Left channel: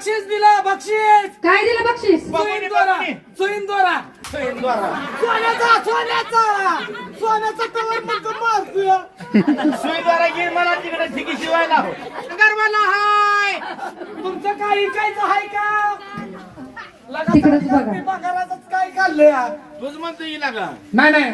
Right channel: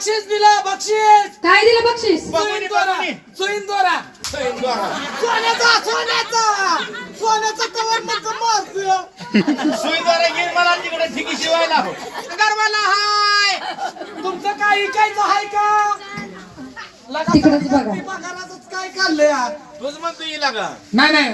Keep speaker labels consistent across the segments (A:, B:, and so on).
A: बक्षीस दिलं बक्षीस.
B: काय दिलं बक्षीस?
A: सोईंदोरा सोन्याचा कवर म्हणतो मारतोय.
C: सुईद्वारा गेल मला तिकडे ठिकी शिवायला
A: गरवाला हाय. तुमचं काय ऐकायचं हाय का?
B: तिकडंच बघा.
A: पगाराचंच काय खाल्लंय यार.
C: तूच म्हणतो येईल का
A: नाही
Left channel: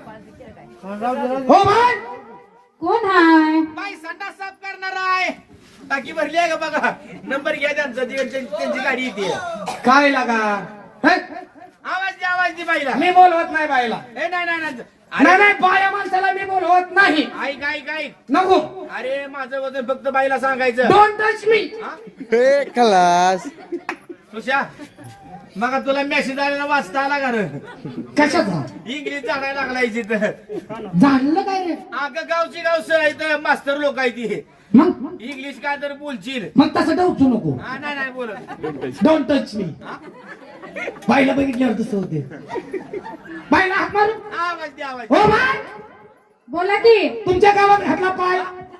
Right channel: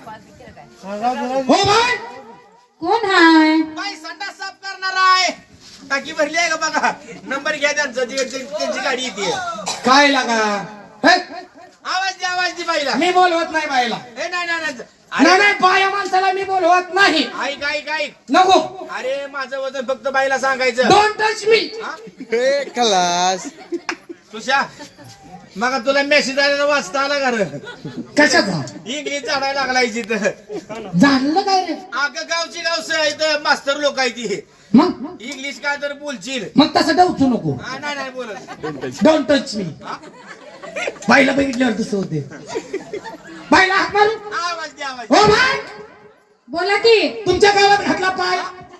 A: हो भाई
B: कोण हाय?
C: बाई संडास साफ करणार आहे. टाकी भरली आहे का बघा. नंबर घ्या त्यांचा त्यांची गाडी येते.
A: काय लागा हे?
C: आवाज दे बाईला.
A: मी बोलवत नाही बाईला.
C: ए नाही नाही नाही.
A: नाही नाही बाया माणसाला मी बोलवत नाही.
C: ऐक
A: नको.
C: अरे माझं वजन फक्त बाईला सांगायचं.
A: Don't touch me.
D: क्लास
C: तुषा मग तुला मेसेज आलेला वाचता आला का रे?
A: कशाचा
C: इंग्लिश झाडायला लागलाय तिथं.
A: झालं काय रे?
C: अगं गावची गाव इथं मास्तर लोक आहे ती.
A: मग
C: इंग्लिश काय तर बोलशील.
A: मग तसं डवचू नको.
C: हा नाही बोलत.
A: Don't touch me. बाईला बघितल्यावर तसं होते. बाईला हात मारू.
C: आवाज दे आवाज.
A: हो भाई
B: बोला की.
A: तुमच्या गावात घातला पाय.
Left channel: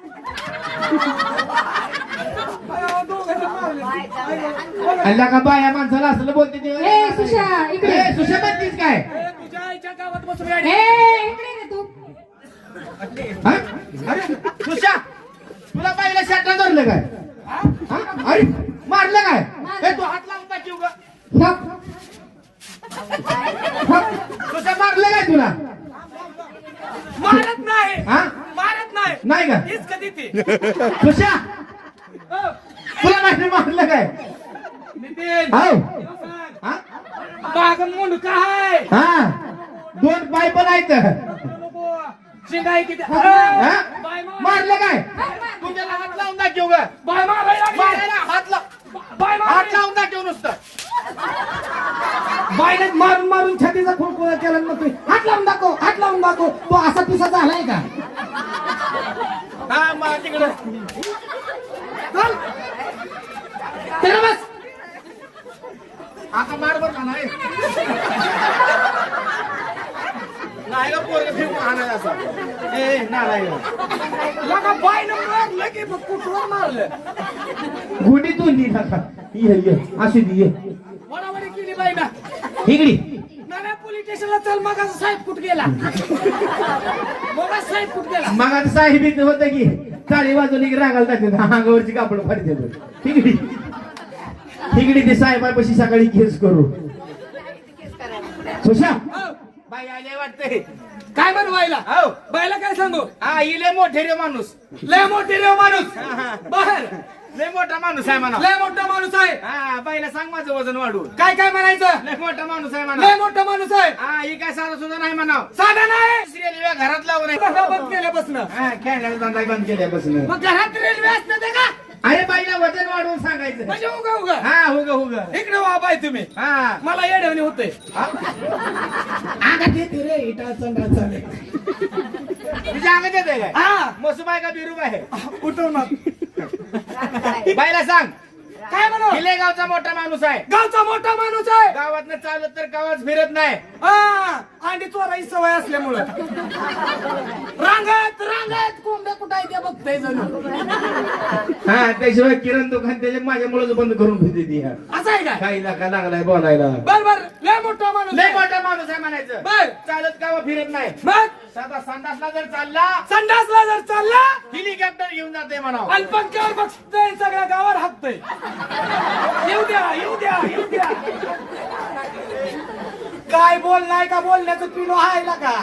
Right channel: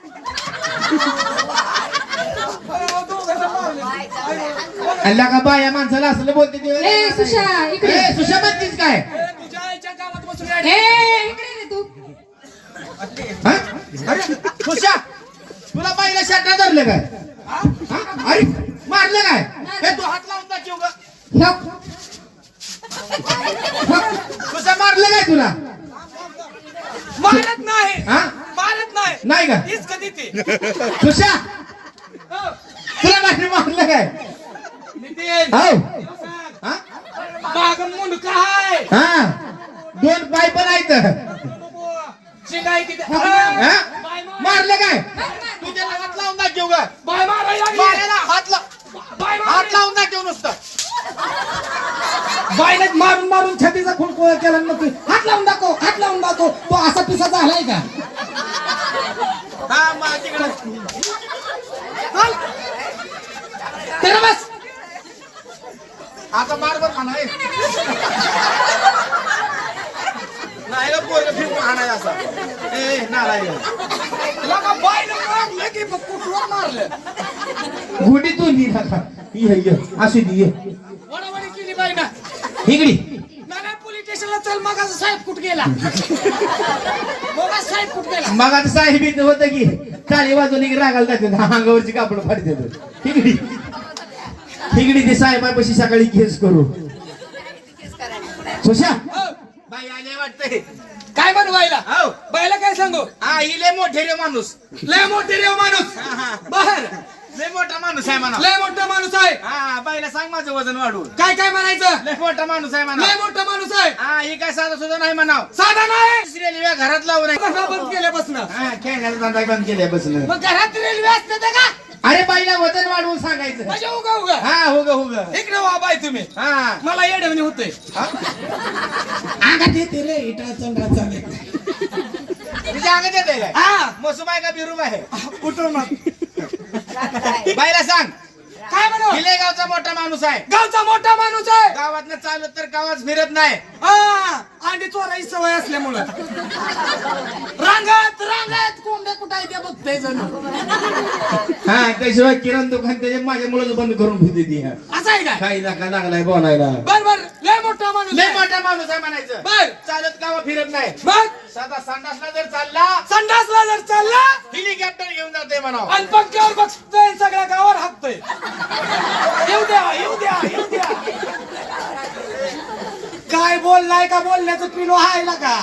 A: अल्ला का बाया माणसाला असलं बोलते ती.
B: ए सुशा इकडे.
A: ए, सुशा म्हणतीस काय?
B: ए इकडे रे तू.
A: हा?
C: अरे तुषा तुला बाईला शाटा
A: धरलं काय? हा? अरे मारलं काय?
C: ए, तू हात लावून दाखव ग.
A: हप.
C: तुषा
A: मारलं काय तुला? मारत नाही.
C: हा
A: मारत नाही.
C: नाही का
A: हीच कधी ती.
C: तुषा तुला बाहेर मारलं काय?
A: नितीन
C: हो हा?
A: मागं मुंडका हाय.
C: हा दोन पाय पण आहेत.
A: शिंगाई किती.
C: हा?
A: बाय मार.
C: मारलं काय? तुझ्या हात लावून दाखव ग.
A: बाय मारायला लागली.
C: मारायला हात लाव.
A: बाय मार.
C: हात लावून दाखव नुसतं.
A: बायने मारून मारून छातीचा खुळखुळा केला नव्हतो. हात लावून दाखव तो असा पिसा झालाय का?
C: हा मग तिकडं
A: चल तेरा बस.
C: आता मार बर खाना आहे. नाही ग पोरं फिरून हाणायला असा. ए नारायण
A: लगा बायने मारलं की मग कुठवर मारलं.
C: गुडीतून दिला ये असू दे ये
A: वडावडी केली बायना.
C: हिगडी
A: नाना पोलीस स्टेशनला चल. मग साहेब कुठ गेला? मग साहेब कुठ गेला?
C: मग आता साहेबीत होतं की टाळी वाजून एक रागाला दाखवून अंगावरची कापड फाडी देतो. हिगडी हिगडी ते साहेबापाशी सकाळी केस करू. सुशा बाई आले वाटतंय.
A: काय बनवायला?
C: हो
A: बायला काय सांगू?
C: हा हिले मोठे रे माणूस.
A: लय मोठी रे माणूस. बर
C: लय मोठा माणूस आहे म्हणा.
A: लय मोठा माणूस आहे.
C: हा बाईला सांग माझं वजन वाढवून.
A: काय काय म्हणायचं?
C: लय मोठा माणूस आहे म्हणा.
A: लय मोठा माणूस आहे.
C: हा ही काय साधा सुद्धा नाही म्हणाव.
A: साधा नाही.
C: रेल्वे घरात लावून आहे.
A: धंदा बंद केल्यापासून.
C: हा खेळण्याचा धंदा बंद केल्यापासून.
A: मग घरात रेल्वे असते ते का?
C: अरे बाईला वजन वाढवून सांगायचं.
A: म्हणजे उगा उगा.
C: हा हो ग
A: इकडे वा बाय तुम्ही.
C: हा
A: मला येडवणी होते. अंगात येते रे इटा चंद्रा चाले.
C: तुझ्या अंगात येते काय?
A: हा
C: मसुबाई का बिरूब आहे?
A: उठव ना.
C: बाईला सांग
A: काय म्हणू?
C: किल्लेगावचा मोठा माणूस आहे.
A: गावचा मोठा माणूस आहे.
C: गावातनं चालत तर गावात फिरत नाही.
A: हा अंडी चोराई सवय असल्यामुळं रांगत कोंबड्या कुठं आहे ते बघते जणू.
C: हा त्याशिवाय किरण दुकान त्याच्या माझ्या मुलाचं बंद करून ठेवते ती.
A: असं आहे का?
C: काही नका लागलाय बोलायला.
A: बर लय मोठा माणूस
C: लय
A: आहे.
C: मोठा माणूस आहे म्हणायचं.
A: बर
C: चालत गावात फिरत नाही.
A: मग
C: साधा संडासला जर चालला
A: संडासला जर चालला
C: हेलिकॉप्टर घेऊन जाते म्हणा.
A: आणि पंख्यावर बघतोय सगळ्या गावावर हाकतोय. येऊ द्या. काय बोललाय का? बोलण्याचं पिलो हायला का?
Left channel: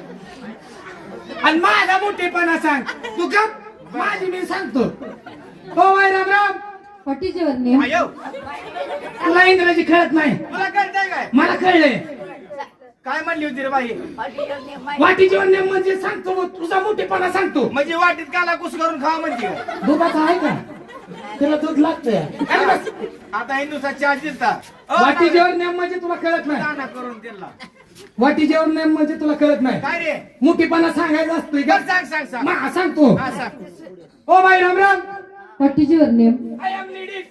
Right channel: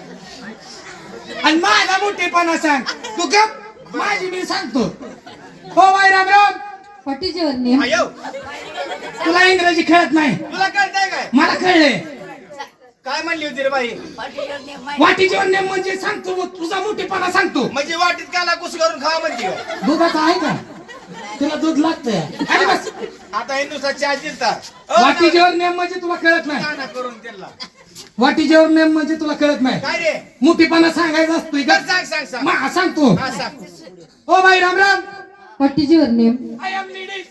A: आणि माझा मोठेपणा सांग. तू गप. माझी मी सांगतो. हो बाई राम.
B: पट्टीचे वरणी.
C: आयो
A: तुला इंग्रजी कळत नाही.
C: तुला कळतंय काय?
A: मला कळलंय.
C: काय म्हणली होती रे बाई?
A: वाटीचे वरणी म्हणजे सांगतो मग तुझा मोठेपणा सांगतो.
C: म्हणजे वाटीत काला कुस करून खा म्हणजे.
A: दुधाचा आहे का? तुला दूध लागतंय. अरे बस.
C: आता हिंदुस्तान चहा दिलता.
A: वाटीजेवर नेम म्हणजे तुला कळत नाही.
C: ना करून त्याला
A: वाटीजेवर नेम म्हणजे तुला कळत नाही.
C: काय रे?
A: मोठेपणा सांगायचा असतोय का?
C: सांग
A: मा सांगतो.
C: हा सांग.
A: ओ बाई राम.
B: पट्टीचे वरणी.
A: I am ladies.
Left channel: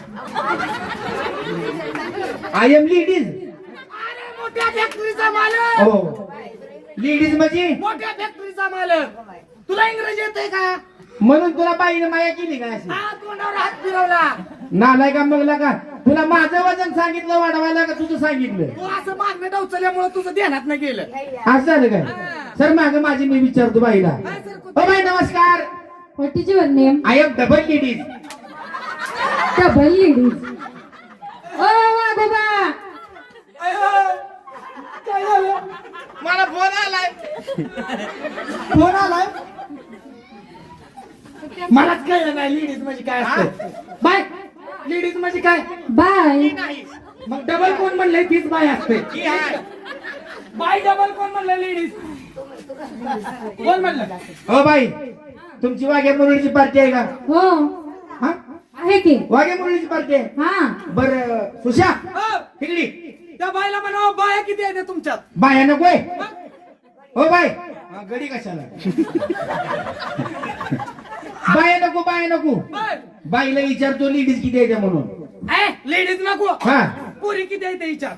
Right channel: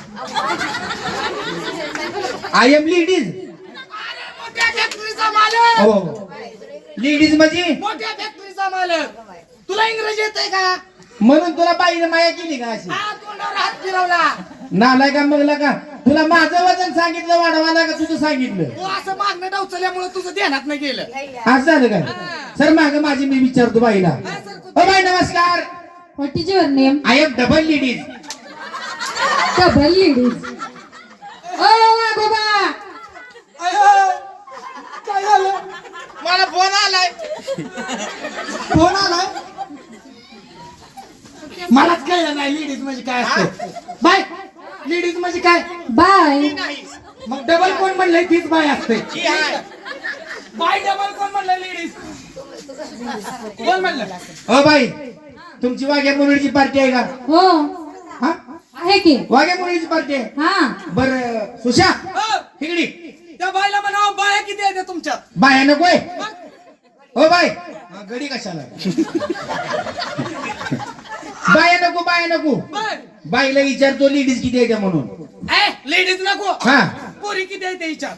C: I am ladies.
A: अरे मोठ्या फॅक्टरीचा मालक.
C: हो लेडीज म्हणजे
A: मोठ्या फॅक्टरीचा मालक. तुला इंग्रजी येतंय का?
C: म्हणून तुला बाईने माया केली का अशी?
A: हा तोंडावर हात फिरवला.
C: नालाय का मगला का तुला माझं वजन सांगितलं वाढवायला का तुझं सांगितलं
A: तू असं मागणं डावचल्यामुळे तुझं ध्यानात नाही गेलं.
C: असं झालं काय सर माग माझी मी विचारतो बाईला ओ बाई नमस्कार
B: what is your name?
C: I am double ladies
B: double ladies. ओ वाघोबा,
A: काय झालं?
C: मला फोन आलाय
A: फोन आलाय. मलाच काय नाही लेडीज म्हणजे काय असतं. बाय लेडीज म्हणजे काय?
B: बाय.
A: मग डबल कोण म्हणलंय तीच बाय असते. बाय डबल कोण म्हणलंय लेडीज? कोण म्हणलं?
C: ओ बाई तुमची वाघ्या मुरळीची पार्टी आहे का?
B: हो
C: हा
B: आहे की.
C: वाघ्या मुरळीची पार्टी आहे
B: हा
C: बर सुशा
A: हो,
C: इकडी
A: त्या बायला म्हणावं बाया किती आहे तुमच्यात?
C: बाया नकोय हो बाय हा, गडी कशाला बाया नको बाया नको
A: बाय
C: बाईला विचारतो लेडीज किती आहे त्या म्हणून
A: लेडीज नको.
C: हा
A: पोरी किती आहे ते विचार.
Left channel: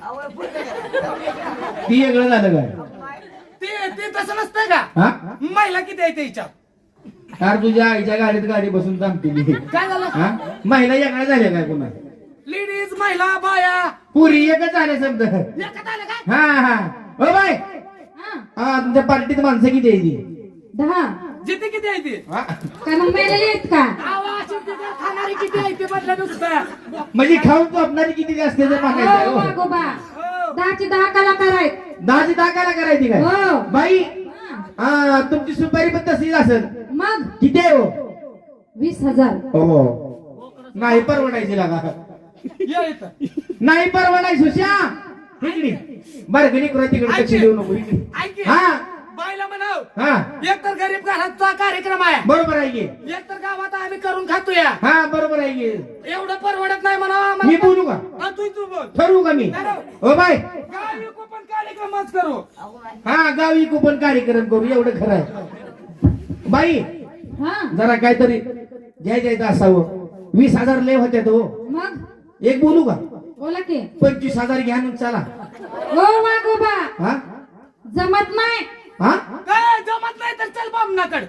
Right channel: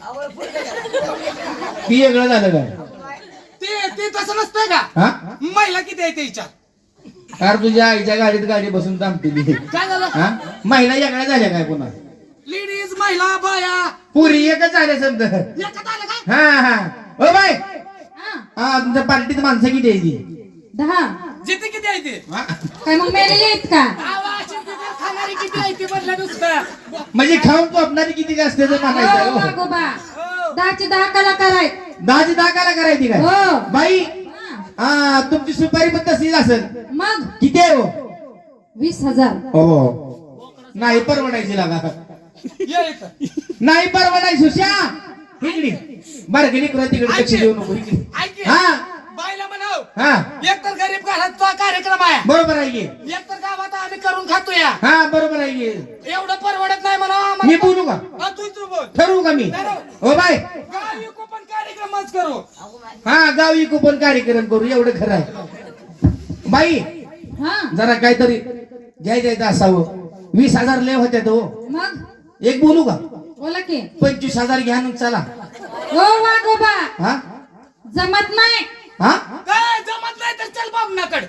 C: ती वेगळं झालं का
A: ते ते तसं नसतंय का?
C: हा
A: महिला किती आहे ते विचार.
C: अरे तुझ्या आईच्या गाडीत गाडी बसून थांबतील
A: काय झालं?
C: हा महिला वेगळ्या झाल्या काय कोणा
A: लेडीज महिला बाया
C: पुरी एकच झाल्या समजा
A: एकत्र आले काय?
C: हा हा हो बाय
B: हा.
C: हा तुमच्या पार्टीत माणसं किती आहे ती
B: 10.
A: जिथे किती आहे ते?
C: हा?
B: काय मग मेलेली आहेत का?
A: आवाज खाणारी किती आहे ते म्हटलं नुसतं.
C: म्हणजे खाऊन झोपणारी किती जास्त
B: हो
C: म्हणायचं
B: वाघोबा,
A: हो.
B: 10चे 10 कलाकार आहेत.
C: 10ची 10 काय करायची काय
B: हो.
C: बाई
B: हा.
C: हा तुमची सुपारी पण तशीच असेल
B: मग
C: किती आहे हो
B: 20,000.
C: हो नाही परवडायची लागा
A: ये इथं.
C: नाही परवडायची सुशा इकडे बरं गेली तिकडे लक्ष देऊ नको इकडे
A: ऐक की.
C: हा
A: बायला म्हणाव
C: हा
A: एकतर गरीब घराचा कार्यक्रम आहे,
C: बरोबर आहे की
A: एकतर गावात आम्ही करून खातोया.
C: हा बरोबर आहे की
A: एवढं परवडत नाही म्हणा.
C: मी बोलू का
A: तू बोल.
C: ठरवू का मी हो बाय
A: गाव विकू पण कार्यक्रमच करू.
C: हा गावी कुपन कार्यक्रम करू एवढं खरं आहे बाई
B: हा
C: जरा काहीतरी घ्यायचं असावं 20,000 लय होत्या तो
B: मग
C: एक बोलू का
B: बोला की.
C: 25,000 घ्या ना चला
B: हो वाघोबा,
C: हा
B: जमत नाही.
C: हा
A: काय जमत नाही तर चल बामनाकडे.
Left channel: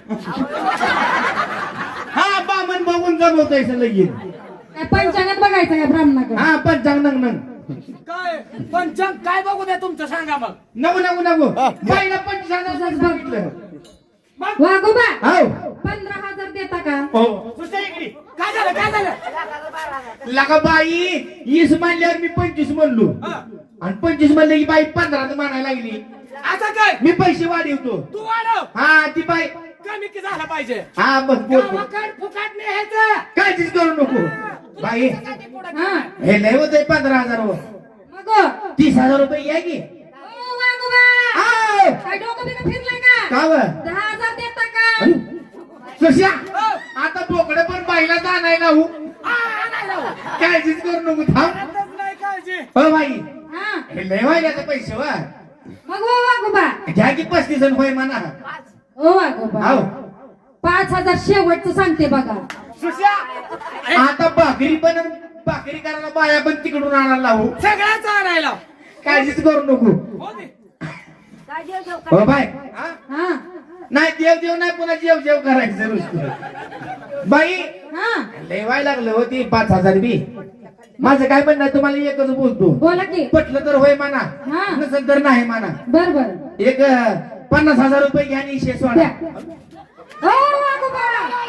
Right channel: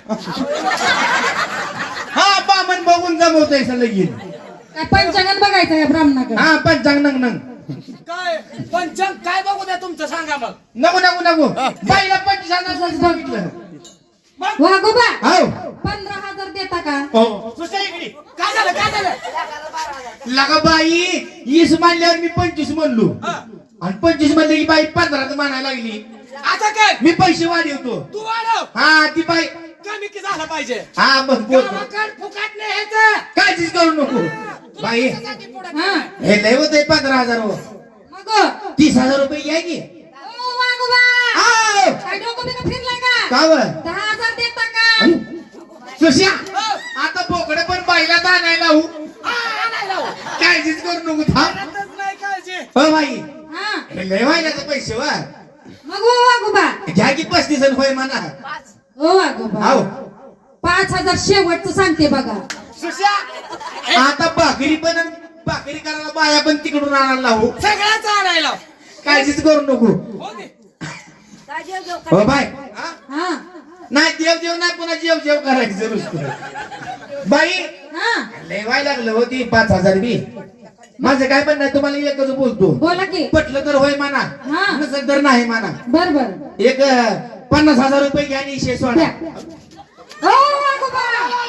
C: हा बामन बघून जमवतोय लगीन
B: काय पंचांगात बघायचं या ब्राह्मणाकडे?
C: हा पंचांग नंग नंग
A: काय पंचांग काय बघू द्या तुमचं सांगा मग.
C: नको नको नको बाईला 25,000 सांगितलं
A: मग
B: वाघोबा,
C: हो
B: 15,000 देता का?
C: हो
A: दुसऱ्या इकडे काय झालं काय झालं?
C: लगा बाई 20 मानल्यावर मी 25 म्हणलो
A: हा.
C: आणि 25 म्हणले की बाई 15 म्हणायला लागली
A: आता काय
C: मी पैसे वाढवतो
A: तू वाढव
C: हा ती बाई
A: कमी की झालं पाहिजे.
C: हा बस बोल
A: गावाकड फुकाट नाही ह्याचं.
C: काळजीच करू नको बाई
A: तुझ्यासाठी पुढं
B: हा
C: हे लय होते 15,000
B: मग
C: 30,000 रुपये घ्या की
B: ओ वाघोबा,
C: आओ.
B: काय डोकं बिकं फिरलंय का?
C: का बरं
B: 10,000 देता का?
C: सुश्या
A: हो.
C: आता बोकडं पण बाईला जाणायला हो
A: हा, आणायला हो.
C: काळजीच करू नको थांब
A: करतच नाही काळजी.
C: हो बाई
B: हा
C: हे लय व्हायचे पैसे वा
B: मग ओ वाघोबा,
C: घ्या की 35 होय म्हणा
B: ओ वाघोबा,
C: हो
B: 5,000 शेवटचं सांगते बघा.
A: सुश्या
C: आता भाकरी पण आणि भाकरी करायला बाया पण तिकडून आणायला हो
A: सगळ्याच आणायला
C: काळजीच करू नको
A: हो दे.
C: हो बाय
A: हा?
B: हा
C: नाही देव देव नाही पुन्हा जेव जेव करायचं नुसतं बाई
B: हा
C: लय व्हायला लागलं होती 5,000 बी माझं काय पण नाही तुम्हाला एकच बोलतो
B: बोला की.
C: पटलं तर होय म्हणा
B: हा.
C: नसेल तर नाही म्हणा
B: बर बर
C: एक 50,000 रुपये घ्या आणि शेष वाढा
B: द्या. ओ वाघोबा,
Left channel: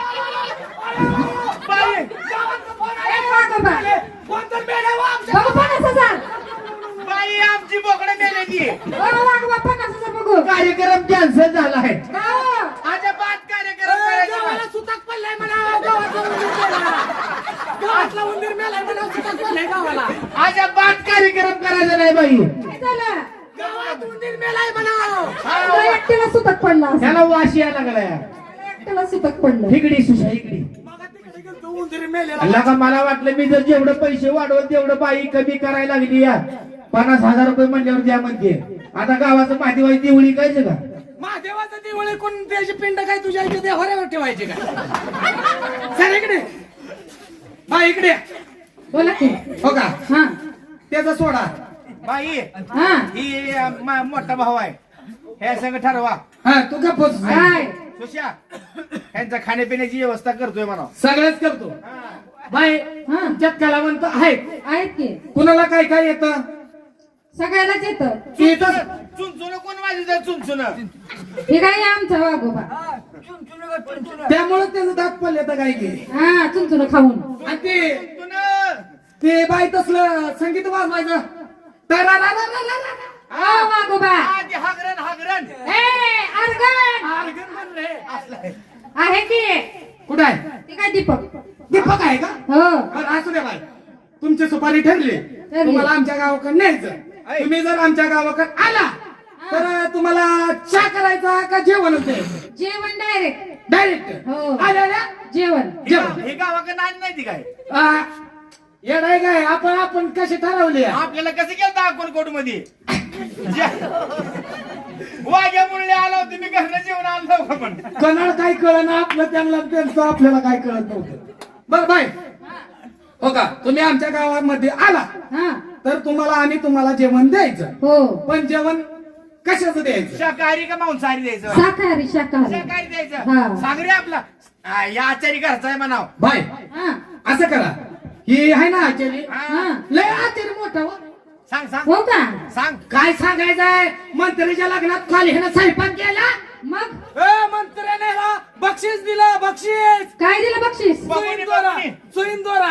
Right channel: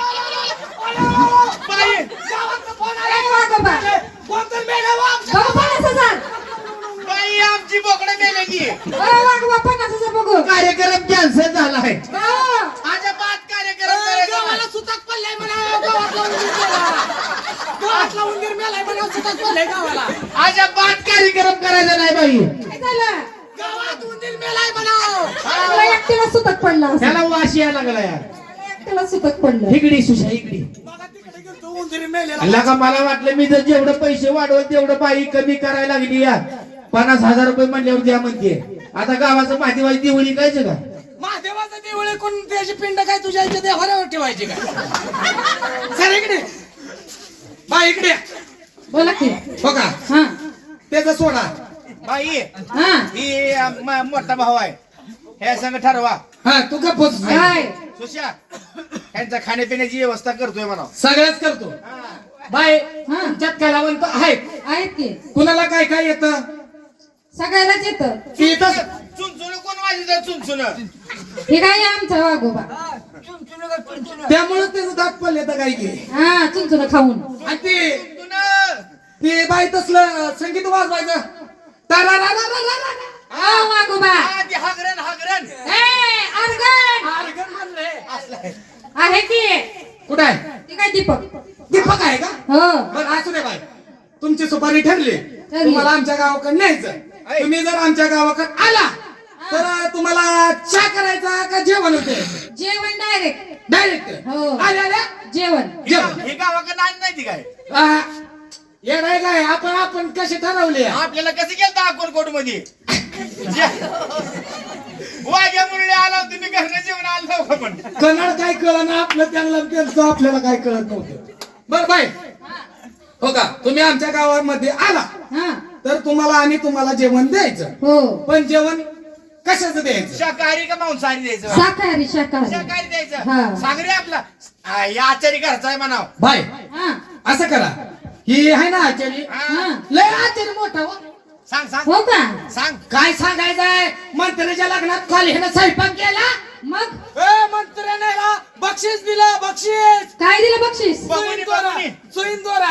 A: बाई, गावातनं फोन आला.
B: ए वाघोबा,
A: फोन तर मेला हो आमच्या.
B: बघू 50,000.
C: बाई आमची बोकडं मेलेली
B: ओ वाघोबा, 50,000 बघू.
C: कार्यक्रम कॅन्सल झालाय
B: हो.
C: अजिबात कार्यक्रम करायचा
A: गावाला
C: नाही.
A: सुतक पडलाय म्हणा. गावातला उंदीर मेला. गावातला उंदीर मेलाय म्हणा. सुतक पडलाय गावाला.
C: अजिबात कार्यक्रम करायचा नाही बाई
B: काय झालं?
A: गावात उंदीर मेलाय म्हणा.
B: मला एकट्याला सुतक पडलं असेल.
C: त्याला वाशी यायला लागला या
B: मला एकट्याला सुतक पडलं.
C: इकडी सुशा इकडी
A: मला तिकडे गेलतो उंदीर मेलेला.
C: अल्ला का मला वाटलं मी जर जेवढं पैसे वाढवल तेवढं बाई कमी करायला लागली या 50,000 रुपये म्हणल्यावर द्या म्हणते आता गावाचं माहिती माहिती देवळी कायचं का
A: महादेवाचं देऊळ कोण त्याची पिंड काय तुझ्या इथे देवाऱ्यावर ठेवायची काय? सर इकडे बा इकडे
B: बोला की.
C: हो का
B: हा
C: त्याचा सोडा बाई
B: हा
C: ही मोठा भाऊ आहे हे संग ठरवा
A: हा तू का पोच
B: काय
C: सुशा त्यांच्या खाण्यापिण्याची व्यवस्था करतोय म्हणा
A: सगळ्याच करतो. बाय
B: हा.
A: तुमच्यात कलावंत आहेत.
B: आहेत की
A: कुणाला काय काय येतं
B: सगळ्यालाच येतं.
A: ते तर
C: चुनचुन कोण वाजवतं चुनचुन
B: हे काय आमचा वाघोबा.
A: त्यामुळे त्याचं दात पडले तर काय की
B: हा चुनचुन खाऊन.
A: आणि ते बाय तसलं संगीत वाजवायचं तरारारारारारा.
B: ओ वाघोबा
C: हागरण हागरण
B: ए अर्गण
A: आर्गन म्हणले.
B: आहे की
A: कुठं आहे
B: हे काय दीपक.
A: दीपक आहे का
B: हो
A: बरं असू दे बाय तुमची सुपारी ठरली तुम्हाला आमच्या गावाकडे न्यायचं. तुम्ही जर आमच्या गावाकडे आला तर तुम्हाला चहा करायचा का जेवण द्यायचं
B: जेवण डायरेक्ट.
A: डायरेक्ट
B: हो.
A: आल्या
B: जेवण
A: जेवण
C: हे गावाकडे नाही माहिती काय
A: येणार काय आपण कसे ठरवले
C: आपल्याला कसं केलं अक्कलकोट मध्ये वाघ्या मुरळे आला तुम्ही घरनं जेवण आलो का पण
A: कन्नड काय कळ ना आपलं त्यांचं आपल्याला काय कळत नव्हतं. बरं बाय हो का तुम्ही आमच्या गावामध्ये आला
B: हा
A: तर तुम्हाला जेवण द्यायचं.
B: हो
A: पण जेवण कशाचं द्यायचं
C: शाकाहारी का मांसाहारी द्यायचं
B: शाकाहारी शाकाहारी.
C: शाकाहारी
B: हा.
C: द्यायचं सांग रे आपला या आचारी घरचा आहे म्हणाव
A: बाय
B: हा
A: असं करा ही आहे ना आचारी
B: हा
A: लय आचारी मोठा हो.
C: सांग सांग
B: हो का
C: सांग
A: काय सांगायचंय मंत्र्याच्या लग्नात खाली ह्यानं स्वयंपाक केला
B: मग
A: मंत्र्याने बक्षीस दिलं बक्षीस
B: काय दिलं बक्षीस.
A: सुईंदोरा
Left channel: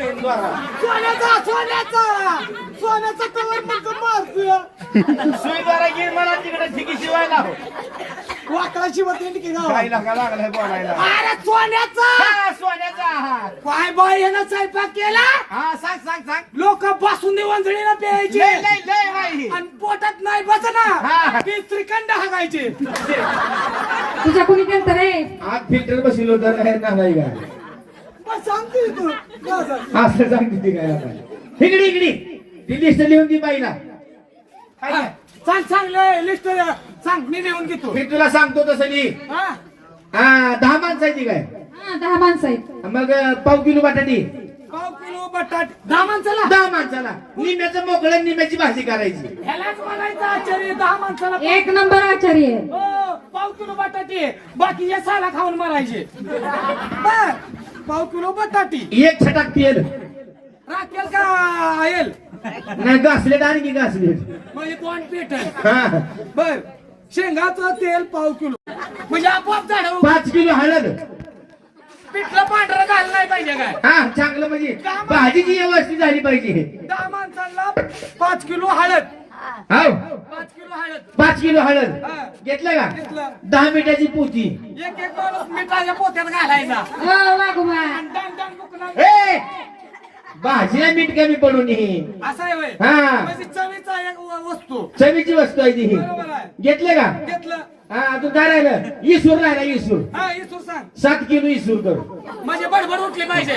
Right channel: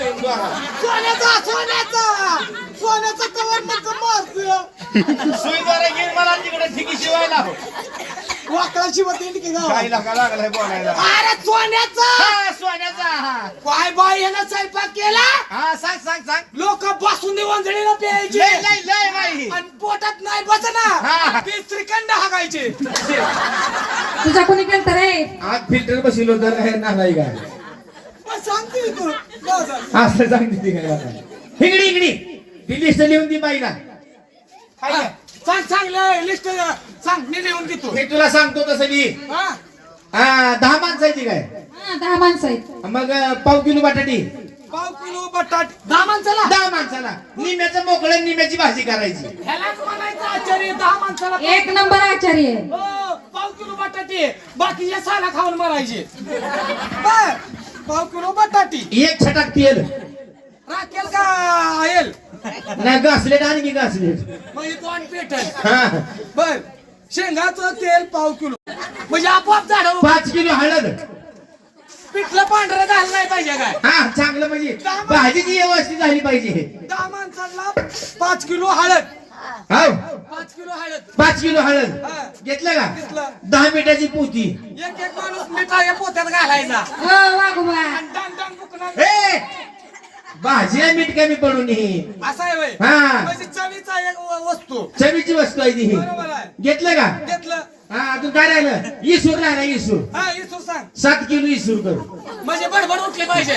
A: सोन्याचा तवर म्हणतो मारतो
C: सुईद्वारा गिर मला तिकडे ठिकी शिवायला
A: वाकडा शिवत येईल की गाव
C: खायला का लागलाय बोलायला
A: अरे सोन्याचा
C: हा, सोन्याचा हा.
A: काय बाय ह्यानं स्वयंपाक केला
C: हा सांग सांग सांग
A: लोक बसून वंजळीला प्यायचे
C: लय लय लय बाई
A: आणि पोटात नाही
C: हा.
A: बसना ती श्रीखंड हागायचे
B: तुझा कोणी केलं रे.
C: आत फिल्टर बसलो होतं काय नाही का
A: सांगते तू
C: असं सांगते ती काय आता इकडी इकडी ती लिस्ट लिहून दी बाईला काय काय?
A: सांग लिस्ट सांग मी लिहून देतो
C: मी तुला सांगतो तसं ली
A: हा
C: 10 माणसाची काय
B: हा 10 माणसं आहेत.
C: मग पाव किलो बटाटी
A: पाव किलो बटाट 10 माणसाला
C: 10 माणसाला निम्याचं मोकळं निम्याची भाजी करायची
A: ह्यालाच म्हणायचं आचार्य 10 माणसाला
B: एक नंबर आचार्य आहे.
A: हो, पाव किलो बटाटे बाकीचे साला खाऊन मारायचे बर पाव किलो बटाटी
C: एक छटाक तेल
A: राखेल का येल
C: नाही घासलेट आणि की घासलेट
A: म्हणजे तोंड पेटल
C: हा
A: बर शेंगाचं तेल पाव किलो म्हणजे आपोआप झाड
C: 5 किलो हळद
A: पिठलं पांढरं घाललं नाही पाहिजे काय
C: हा चांगलं म्हणजे भाजीची व्यवस्थित झाली पाहिजे
A: 10 माणसांना 5 किलो हळद
C: हो
A: 5 किलो हळद
C: 5 किलो हळद
A: हा.
C: घेतलं का
A: घेतलं.
C: 10 मिनिटाची पोती
A: एक माणूस मिठाच्या पोत्यात घालायचा
B: हो वाघोबा
A: आणि डांग डांग बुकणार
C: ए भाजीला मीठ कमी पडून ही
A: असा आहे होय
C: हा.
A: म्हणजे चवीचा एक वस्तू
C: चवीची वस्तू आहे ती ही.
A: बरोबर आहे
C: घेतलं का
A: घेतलं
C: हा अजून काय राहिलं इसूर राहिला इसूर
A: हा इसूर सांग
C: 7 किलो इसूर करू
A: म्हणजे बडबड उठली पाहिजे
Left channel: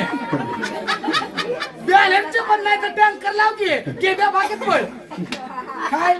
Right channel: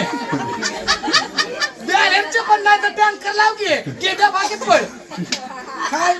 A: बॅलन्सचे पण नाही तर टँकर लाव की केद्या बागेत पड काय